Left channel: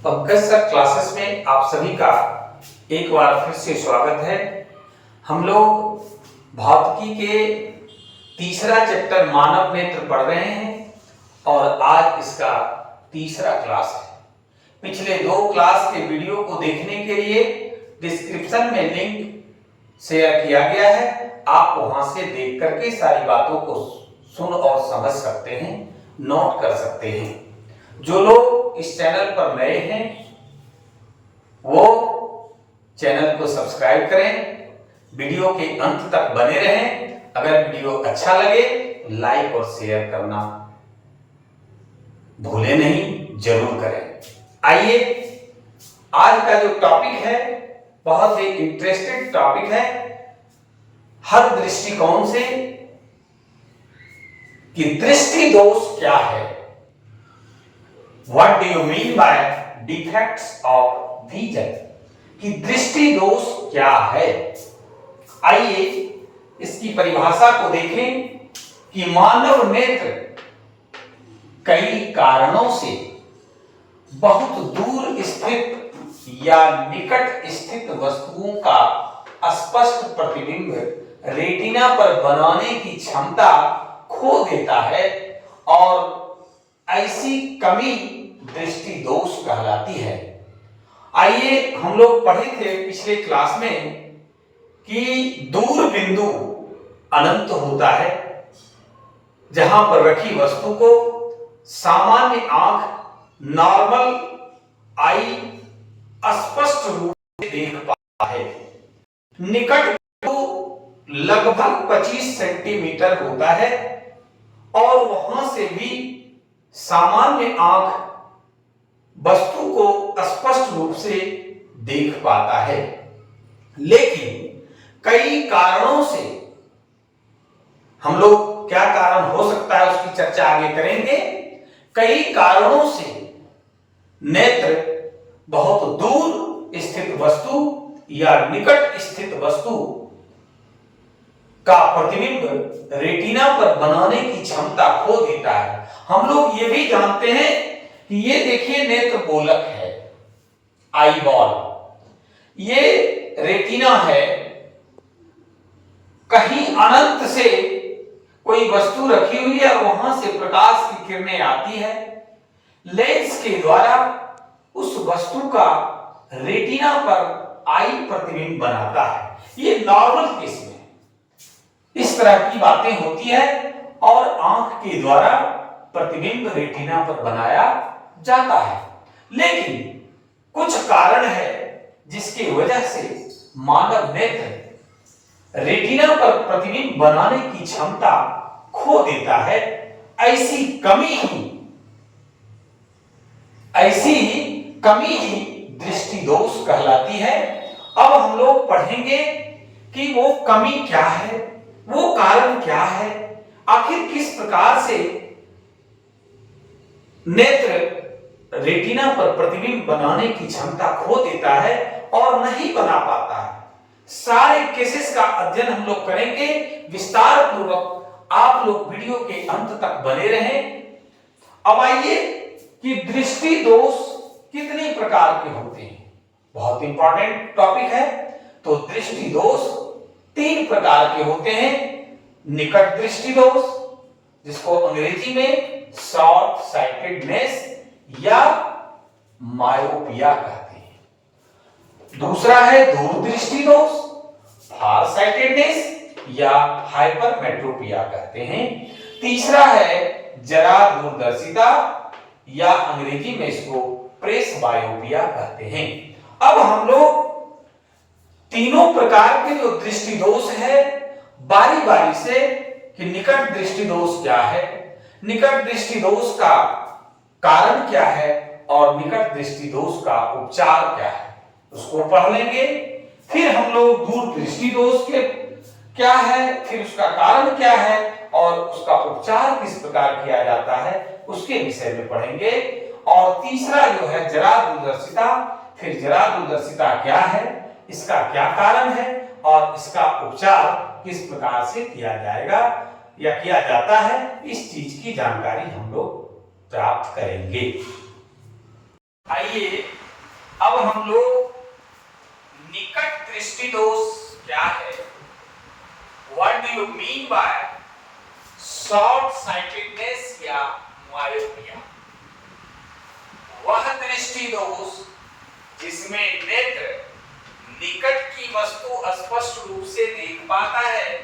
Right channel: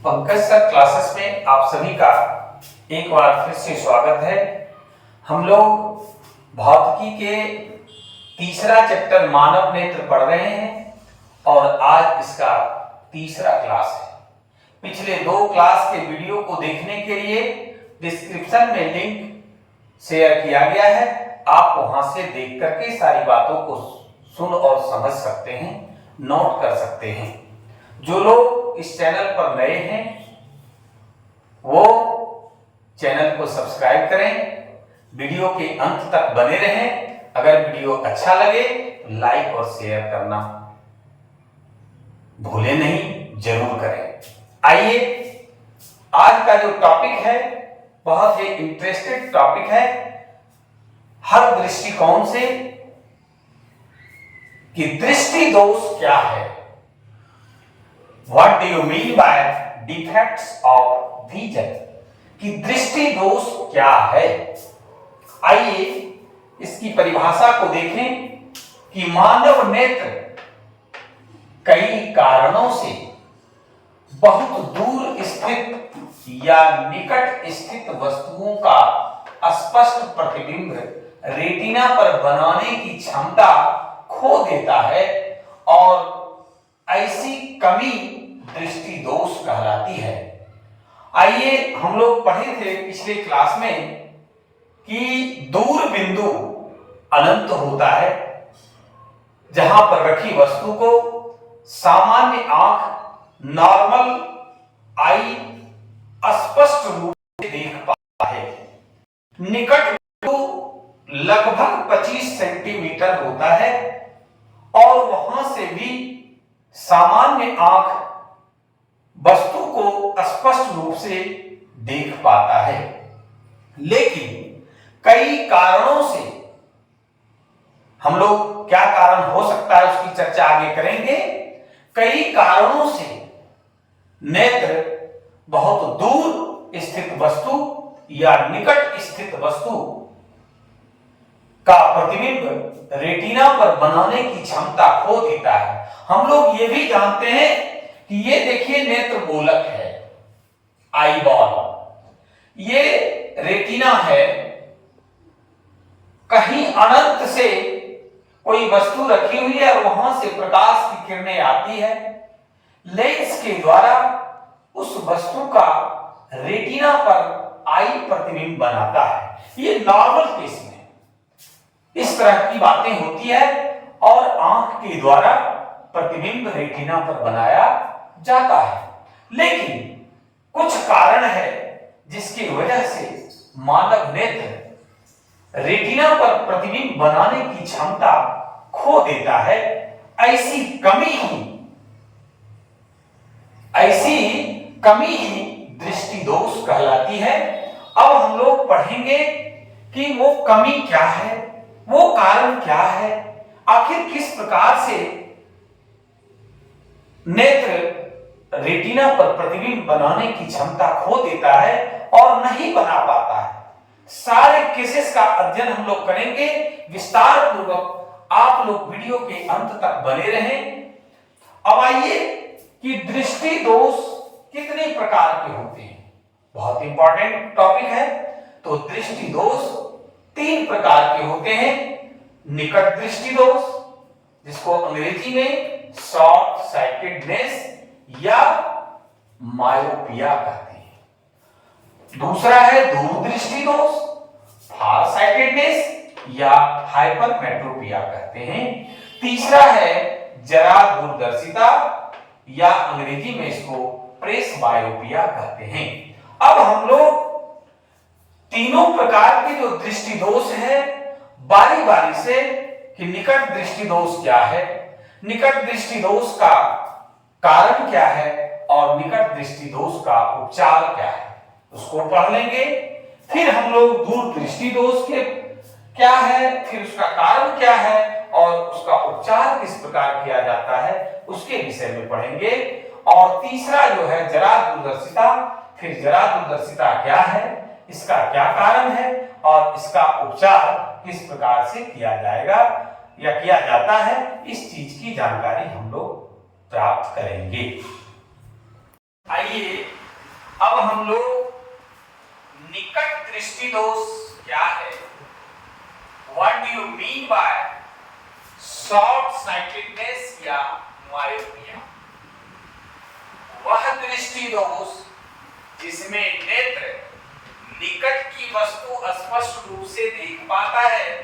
Pankaj sir classes में आप सभी का एक बार फिर से स्वागत है। हम लोग भौतिकी के तीसरा चैप्टर मानव नेत्र पढ़ रहे हैं और आज इसका तीसरा क्लास है। पिछले दो क्लास के वीडियो को देखने के लिए डिस्क्रिप्शन में लिंक शेयर किया गया है। आप वहां से देख करके सारी बातों को सुन और समझ सकते हैं, नोट कर सकते हैं। जो लोग इस चैनल पर नए हैं वो चैनल को सब्सक्राइब करें, वीडियो के अंत तक बने रहें। अगर वीडियो अच्छा लगे तो लाइक और शेयर करना भूलें नहीं, जरूर करें। आइए, आज का जो टॉपिक है बहुत ही इंटरेस्टेड टॉपिक है हर दृष्टिकोण से कि दृष्टि दोष क्या है। What do you mean by defects of vision? कि दृष्टि दोष क्या है। आइए इसकी परिभाषा को देखें कि मानव नेत्र कई कारणों से बहुत दूर स्थित या निकट स्थित वस्तुओं का स्पष्ट प्रतिबिंब रेटिना पर बनाने की क्षमता खो देता है और ऐसी कमी दृष्टि दोष कहलाती है। आइए, हम लोग पढ़े थे पिछले क्लास में कि दूर बिंदु अनंत होता है जहां पर रखी वस्तु को सामान्य आंख नॉर्मल आई स्पष्ट रूप से देख पाता है। निकट बिंदु लगभग 25 सेंटीमीटर होता है और वहां से भी सामान्य आंख वस्तु को स्पष्ट रूप से देख पाता है। लेकिन कई कारणों से, हम लोग क्या कारण हो सकता है उसकी चर्चा आगे करेंगे। कई कारणों से नेत्र बहुत दूर स्थित वस्तु या निकट स्थित वस्तु का प्रतिबिंब रेटिना पर बनाने की क्षमता खो देता है। हम लोग ये भी जानते हैं कि ये देखिए नेत्र गोलक है, आई बॉल, ये रेटिना है। कहीं अनंत से कोई वस्तु रखी हुई है और वहां से प्रकाश की किरणें आती है, लेंस के द्वारा उस वस्तु का रेटिना पर आई प्रतिबिंब बनाता है। ये नॉर्मल केस में इस तरह की बातें होती है और आंख के द्वारा प्रतिबिंब रेटिना पर बनाया जाता है। लेकिन कुछ कारण है जिसकी वजह से मानव नेत्र रेटिना पर प्रतिबिंब बनाने की क्षमता खो देता है। ऐसी कमी ही दृष्टि दोष कहलाती है। अब हम लोग पढ़ेंगे कि वो कमी क्या है, वो कारण क्या है, आखिर किस प्रकार से नेत्र रेटिना पर प्रतिबिंब बनाने की क्षमता खो देता है और नहीं बना पाता है। सारे केसेस का अध्ययन हम लोग करेंगे विस्तार पूर्वक। आप लोग वीडियो के अंत तक बने रहें। अब आइए कि दृष्टि दोष कितने प्रकार के होते हैं, बहुत इंपॉर्टेंट टॉपिक है। तो दृष्टि दोष 3 प्रकार के होते हैं। निकट दृष्टि दोष, जिसको अंग्रेजी में शॉर्ट साइटेडनेस या मायोपिया कहते हैं। दूसरा है दूर दृष्टि दोष, फार साइटेडनेस या हाइपरमेट्रोपिया कहते हैं। तीसरा है जरा दूरदर्शिता या अंग्रेजी में इसको प्रेस बायोपिया कहते हैं। अब हम लोग तीनों प्रकार के जो दृष्टि दोष है बारी बारी से कि निकट दृष्टि दोष क्या है, निकट दृष्टि दोष का कारण क्या है और निकट दृष्टि दोष का उपचार क्या है, उसको पढ़ लेंगे। फिर हम लोग दूर दृष्टि दोष के क्या है, फिर उसका कारण क्या है और उसका उपचार किस प्रकार किया जाता है उसके विषय में पढ़ेंगे। और तीसरा जो है जरा दूरदर्शिता, फिर जरा दूरदर्शिता क्या है, इसका क्या कारण है और इसका उपचार किस प्रकार से किया जाएगा या किया जाता है, इस चीज की जानकारी हम लोग प्राप्त करेंगे। आइए अब हम लोग निकट दृष्टि दोष क्या है, what do you mean by short sightedness या मायोपिया। वह दृष्टि दोष जिसमें नेत्र निकट की वस्तु स्पष्ट रूप से देख पाता है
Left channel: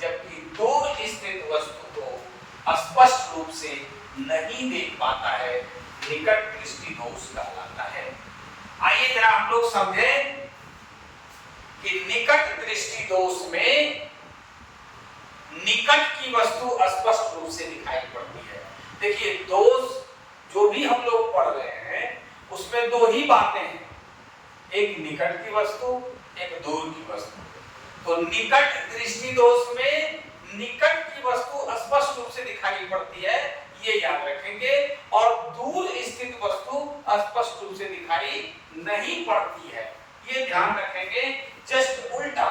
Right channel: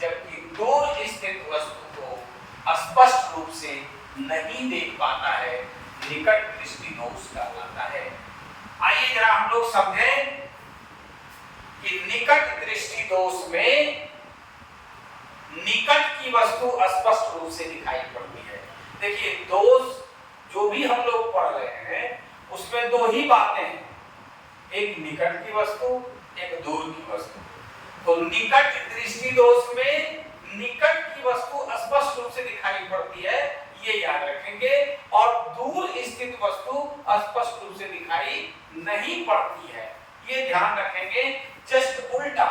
जबकि दूर स्थित वस्तु को स्पष्ट रूप से नहीं देख पाता है, निकट दृष्टि दोष कहलाता है। आइए जरा हम लोग समझें कि निकट दृष्टि दोष में निकट की वस्तु स्पष्ट रूप से दिखाई पड़ती है। देखिए दोष जो भी हम लोग पढ़ रहे हैं उसमें दो ही बातें हैं, एक निकट की वस्तु, एक दूर की वस्तु। तो निकट दृष्टि दोष में निकट की वस्तु स्पष्ट रूप से दिखाई पड़ती है, ये याद रखेंगे, और दूर स्थित वस्तु स्पष्ट रूप से दिखाई नहीं पड़ती है, ये ध्यान रखेंगे। जस्ट उल्टा,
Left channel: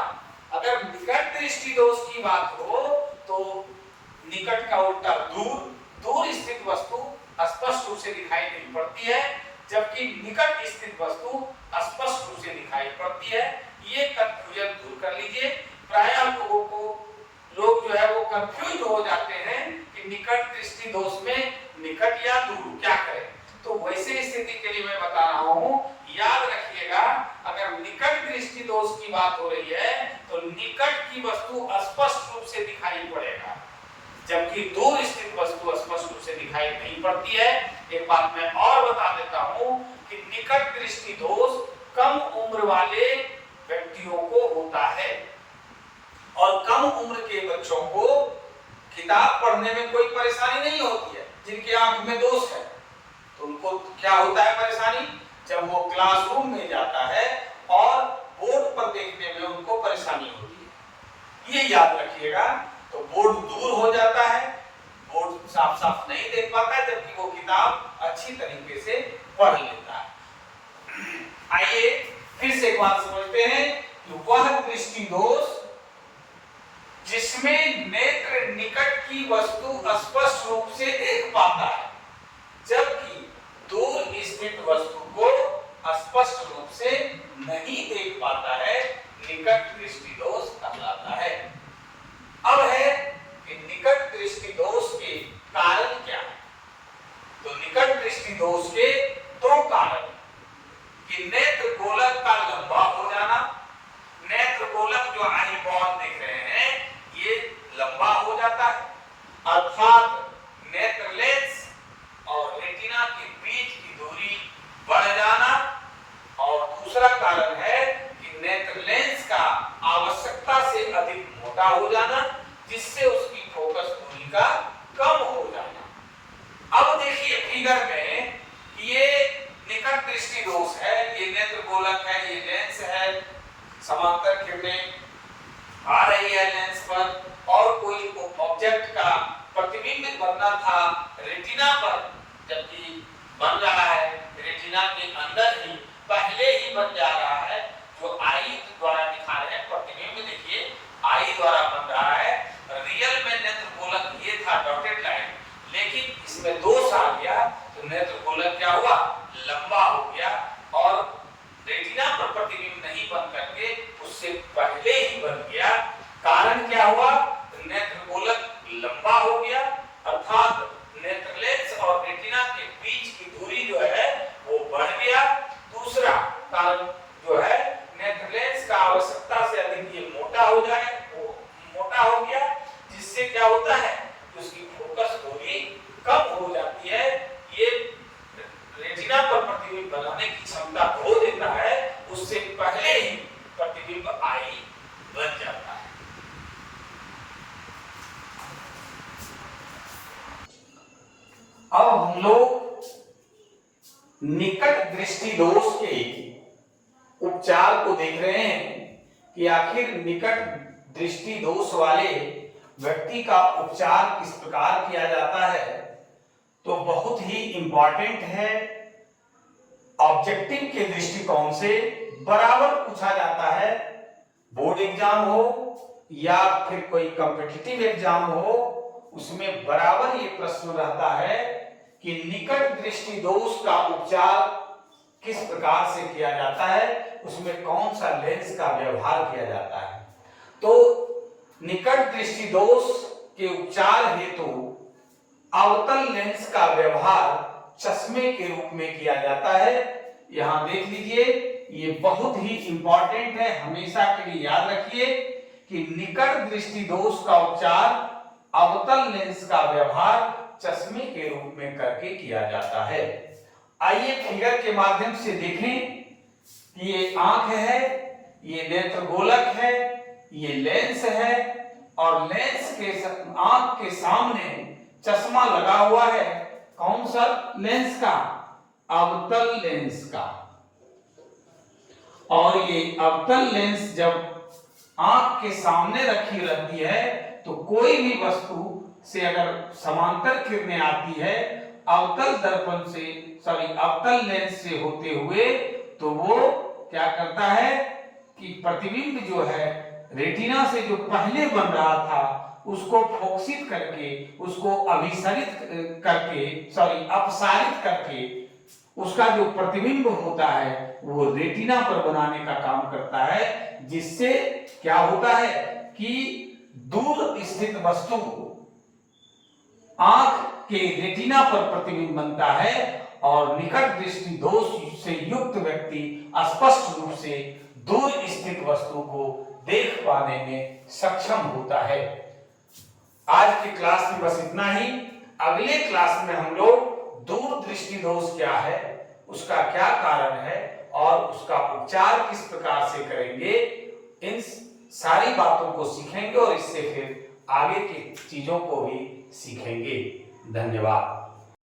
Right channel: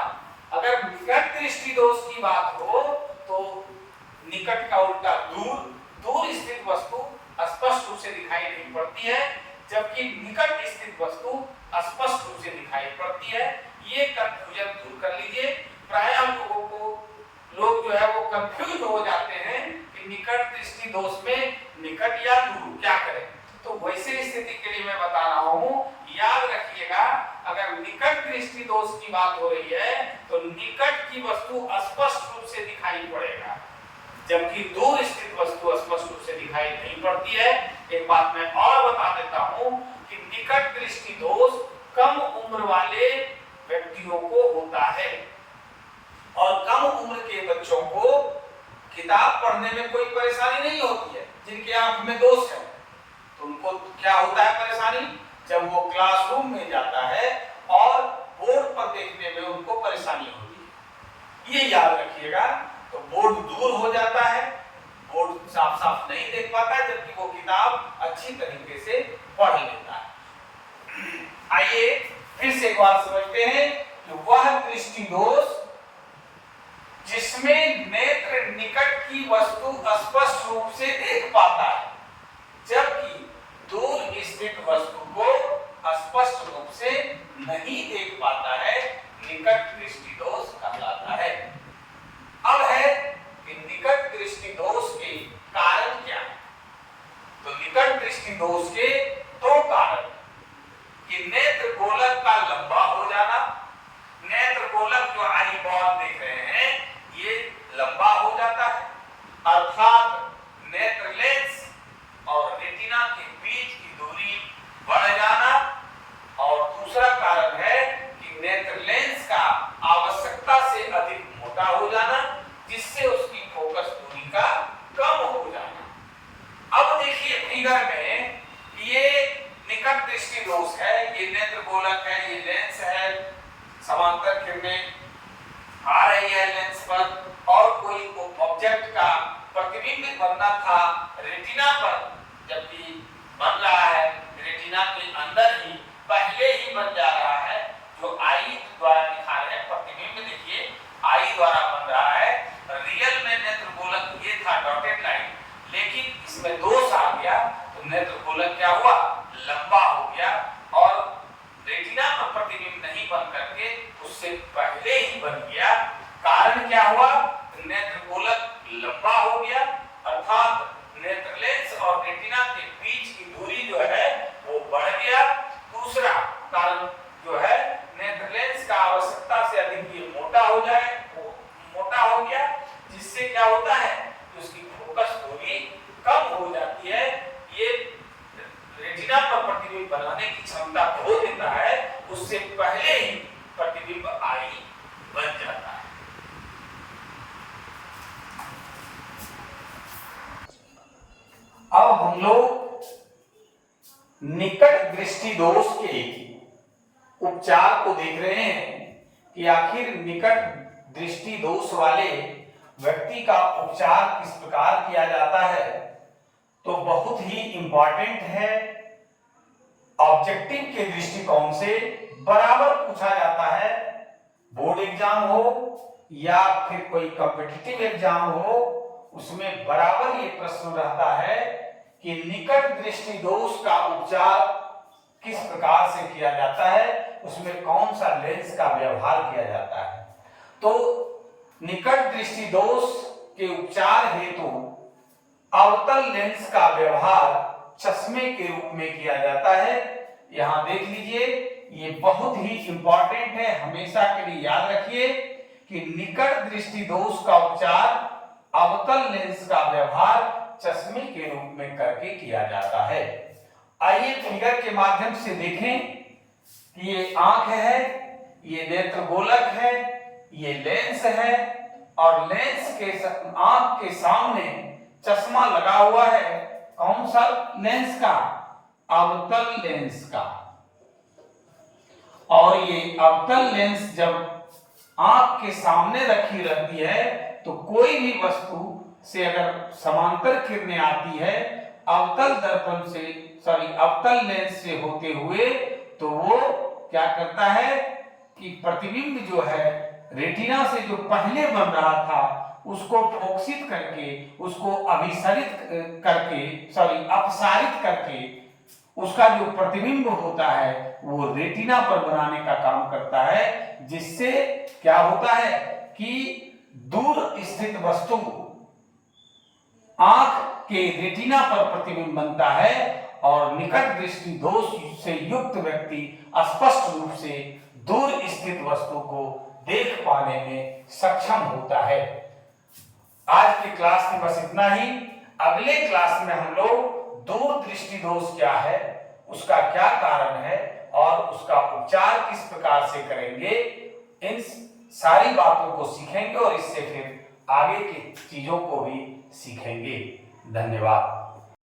अगर निकट दृष्टि दोष की बात हो तो निकट का उल्टा दूर, दूर स्थित वस्तु स्पष्ट रूप से दिखाई नहीं पड़ती है जबकि निकट स्थित वस्तु स्पष्ट रूप से दिखाई पड़ती है। ये कंफ्यूजन दूर कर लीजिए। प्रायः लोग जो है वो कंफ्यूज हो जाते हैं कि निकट दृष्टि दोष में निकट या दूर क्या करें। तो वैसे स्थिति के लिए मैं बता रहा हूं, याद रखिएगा, अगर निकट दृष्टि दोष की बात हो रही है तो निकट की वस्तु स्पष्ट रूप से दिखाई पड़ेगा जबकि दूर स्थित वस्तु स्पष्ट रूप से दिखाई नहीं पड़ती है। एक बात मैं और बता देता हूं कि निकट दृष्टि दोष कम उम्र वाले व्यक्तियों को होता है और कम उम्र के बच्चों को किताब पढ़ने में कोई परेशानी नहीं होती है। जिनके आंख में दोष है तो उनको क्या होता है परेशानी, जब वो क्लासरूम में जाता है और बोर्ड पर देखने में उनको परेशानी होती है, ये याद रखिएगा। तो बोर्ड दूर हो जाता है, बोर्ड साफ साफ नहीं देख पाता है जबकि वो किताब अच्छी तरीके से पढ़ लेता है। आइए फिर से एक बात समझते हैं कि वह दृष्टि दोष जिसमें नेत्र निकट की वस्तु स्पष्ट रूप से देख पाता है जबकि दूर स्थित वस्तु को स्पष्ट रूप से नहीं देख पाता है, निकट दृष्टि दोष कहलाता है। अब है कि निकट दृष्टि दोष के कारण क्या है। तो निकट दृष्टि दोष के दो कारण कि नेत्र गोलक का लंबा हो जाना, नेत्र गोलक जो आईबॉल देख रहे हैं ये लंबा हो जाता है, अर्थात नेत्र लेंस और रेटिना के बीच की दूरी बढ़ जाना। और दूसरा कारण है कि नेत्र लेंस का आवश्यकता से अधिक मोटा हो जाना जिससे उसकी फोकस दूरी का कम हो जाना। अब देखिए फिगर में ये निकट दृष्टि दोष है, ये नेत्र गोलक है, ये लेंस है, समांतर किरणें आ रही है लेंस पर और कोई ऑब्जेक्ट का प्रतिबिंब बनना था रेटिना पर, जबकि बन रहा है रेटिना के अंदर ही, पहले ही बन जा रहा है। जो आई द्वारा दिखा रहे हैं प्रतिबिंब, देखिए आई द्वारा बन रहा है। रियल में नेत्र गोलक ये था डॉटेड लाइन, लेकिन इसमें दोष आ गया तो नेत्र गोलक क्या हुआ, लंबा हो गया और रेटिना पर प्रतिबिंब नहीं बन करके उससे पहले ही बन गया। कारण क्या हुआ, नेत्र गोलक लंबा हो गया अर्थात नेत्र लेंस और रेटिना के बीच की दूरी जो है वो बढ़ गया। दूसरा कारण जो है नेत्र लेंस का आवश्यकता से अधिक ये मोटा हो जाए, वो मोटा हो गया जिससे क्या होता है उसकी फोकस दूरी कम हो जाती है। ये रेटिना पर प्रतिबिंब बनाने की क्षमता खो देता है, उससे पहले ही प्रतिबिंब आई बन जाता है। अब हम लोग निकट दृष्टि दोष के उपचार को देख रहे हैं कि आखिर निकट दृष्टि दोष वाले व्यक्ति का उपचार किस प्रकार किया जाता है। तो बहुत ही इंपॉर्टेंट है, ऑब्जेक्टिव के दृष्टिकोण से बराबर पूछा जाता है, बोर्ड एग्जाम हो या फिर कोई कॉम्पिटिटिव एग्जाम हो, उसमें बराबर ये प्रश्न रहता है कि निकट दृष्टि दोष का उपचार किस प्रकार से किया जाता है, उसमें कौन सा लेंस का व्यवहार किया जाता है। तो निकट दृष्टि दोष के उपचार हेतु अवतल लेंस का व्यवहार चश्मे के रूप में किया जाता है। यहां देख लीजिए, ये बहुत ही इंपॉर्टेंट है, हमेशा के लिए याद रखिए कि निकट दृष्टि दोष का उपचार अवतल लेंस का व्यवहार चश्मे के रूप में करके किया जाता है। आइए फिगर के माध्यम से देखें कि ये आंख है, ये नेत्र गोलक है, ये लेंस है और लेंस के आंख के सामने चश्मा लगा हुआ है। कौन सा लेंस का? अवतल लेंस का। और ये अवतल लेंस जब आंख के सामने रखी रहती है तो कोई भी वस्तु से अगर समांतर किरणें आती है अवतल दर्पण से अवतल लेंस से होते हुए, तो वो क्या करता है कि प्रतिबिंब जो है रेटिना से जो पहले बन रहा था उसको फोकसित करके, उसको अभिसरित करके अपसारित करके उसका जो प्रतिबिंब होता है वो रेटिना पर बनाने का काम करता है, जिससे क्या होता है कि दूर स्थित वस्तु आंख के रेटिना पर प्रतिबिंब बनता है और निकट दृष्टि दोष से युक्त व्यक्ति स्पष्ट रूप से दूर स्थित वस्तु को देख पाने में सक्षम होता है। आज की क्लास में बस इतना ही। अगले क्लास में हम लोग दूर दृष्टि दोष क्या है, उसका क्या कारण है और उसका उपचार किस प्रकार से करेंगे, इन सारी बातों को सीखेंगे और इससे फिर आगे की चीजों को भी सीखेंगे। धन्यवाद।